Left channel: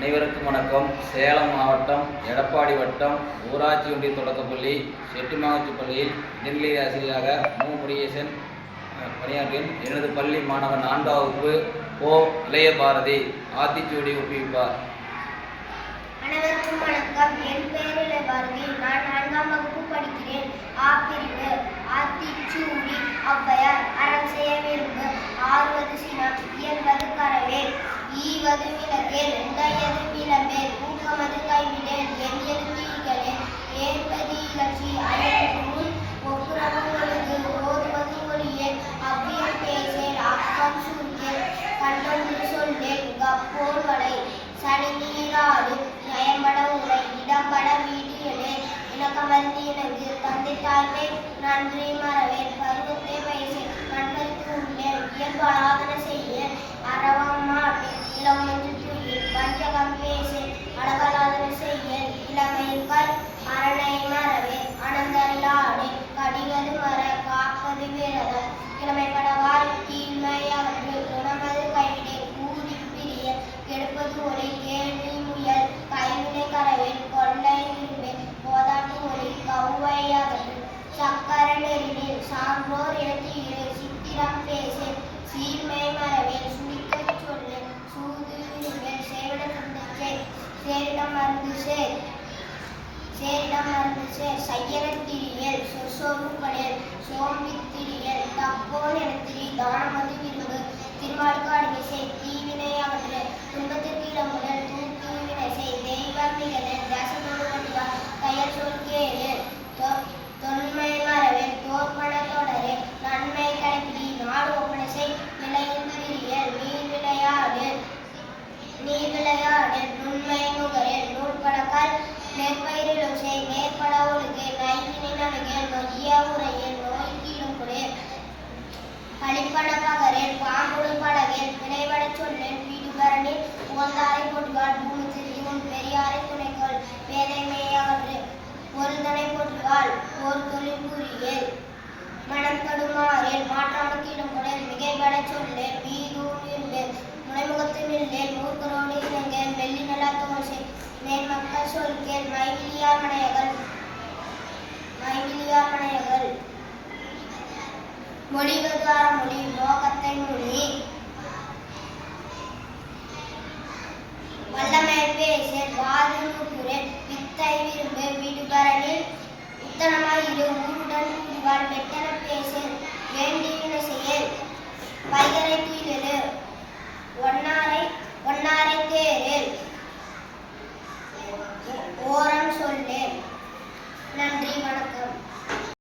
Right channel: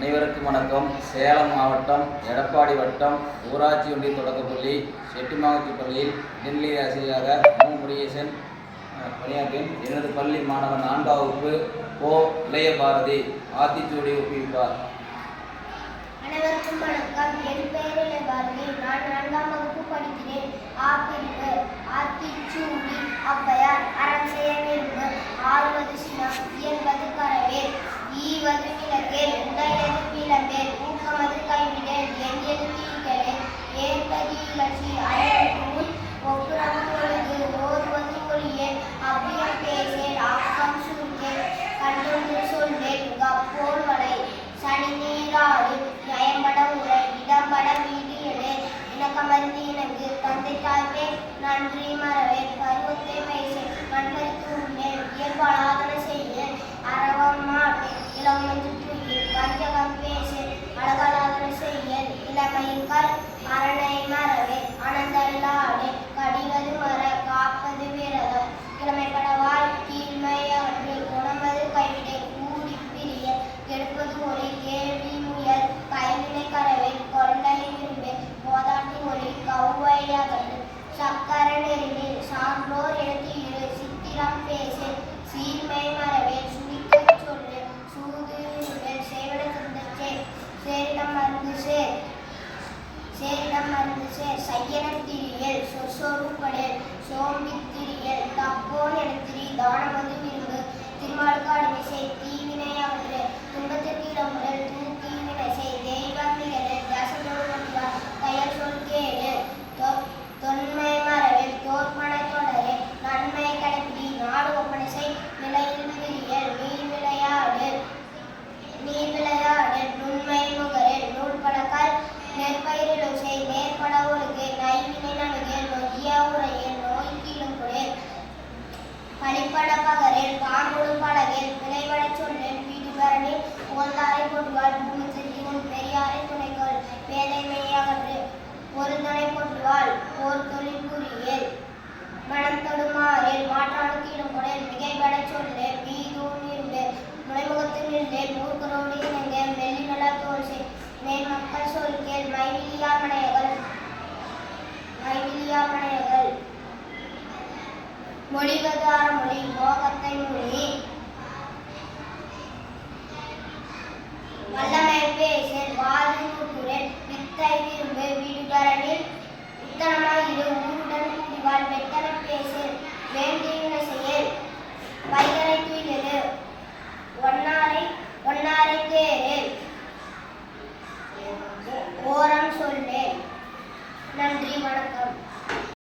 அனைவருக்கும் வணக்கம். சேலம் மாவட்டம் எடப்பாடி வட்டம் ஊராட்சி ஒன்றிய தொடக்கப்பள்ளி செட்டிமாங்குச்சி பள்ளியில் இடைநிலை ஆசிரியராக மு. முருகேசன் பணியாற்றின் எனது பள்ளி மாணவன் நான்காம் வகுப்பு ஓ. இளைய பாரதி ஆத்திச்சூடி ஒப்புவிப்பார். அனைவருக்கும் வணக்கம். என் பெயர் இளைய பாரதி நான் நான்காம் வகுப்பு படிக்கிறேன். ஆ பிரிவு ஆத்திச்சூடி ஔவையார் அறம் செய்ய விரும்பு. ஆறுவது சினம் இயல்பது கரவே ஈவது நிலை விளக்கேல் உடையது விளம்பேல் ஊக்கமது கைவிடேல் எண்ணியது தீகளே ஏற்பது இகழ்ச்சி? அயல் முன் ஒழுங்கு ஓதுவது ஒளியேல் அவ்வியம் பேசேல் ஆக்கம் சுருக்கேல் கண்டொன்று வளை சனி நீராறு நயம்பட உரை இடம்பட வீடு இணக்கமர்ந்து இணங்கு தந்தை நன்றி மறவேன். பருவத்தை வயசு கண்பறித்து உள்ளேன் இயல்பலாதன செய்ய அறவம்மா காப்பது கிழமைப்பட கிழமைப்படவாய் தீமை அவர்கள் குணமது கைவிடை கூடி பிரிய கெடுப்பது ஒளி கேள்வி முயல் கைவினை கரவில் கொள்ளை விரும்பி போதாட்டி ஒளி கௌவை அகன்று சக்கர நெறிவில் சான்றோர் எழுத்தியிரு சித்திரம் பேசு சீர்மை மரவே சேரிடம் மருந்து சேர் சோம்பித்திரியல் திரியல் எனத்திரி தானம் நெற்பயிரிலும் செய் நேர்பட ஒழுகு நைவினை நணுகு நொய்ய உரையில் நோய் பழிப்பட பகரில் பாம்புடும் படகில் விளைவட சொல்லில் வீடுகரணில் உகந்தாரை போட்டுவாள் பூமி திரும்பி உன் பெரியாரை துணைகொள் வேதைமையாகற்று பொருந்தனை போற்றுவாள். போர் தொழில் புரியல் மனம் தொடுமாறில் மாற்றாமல் கீழும் கொடல் மிகைபட சொல்லு வீதூர் நின்று முனைமுகத்து நின்று மூர்க்கரோடு இணங்க வெள்ளி நலா தோசை நேர் மக்கள் சொல் கேள் மைவிலியார் மனையகள் மைவிலியார் மனையகள் மொழிவது அறமொழி மோகத்தை மொழி. வல்லமை பேசல் வாழ்வு குரல் வித்தை விரும்பு விடுபரனில் உத்தனமாய் இரு ஊருடன் கூடிவாள் வெத்தன பேசல் வேண்டிய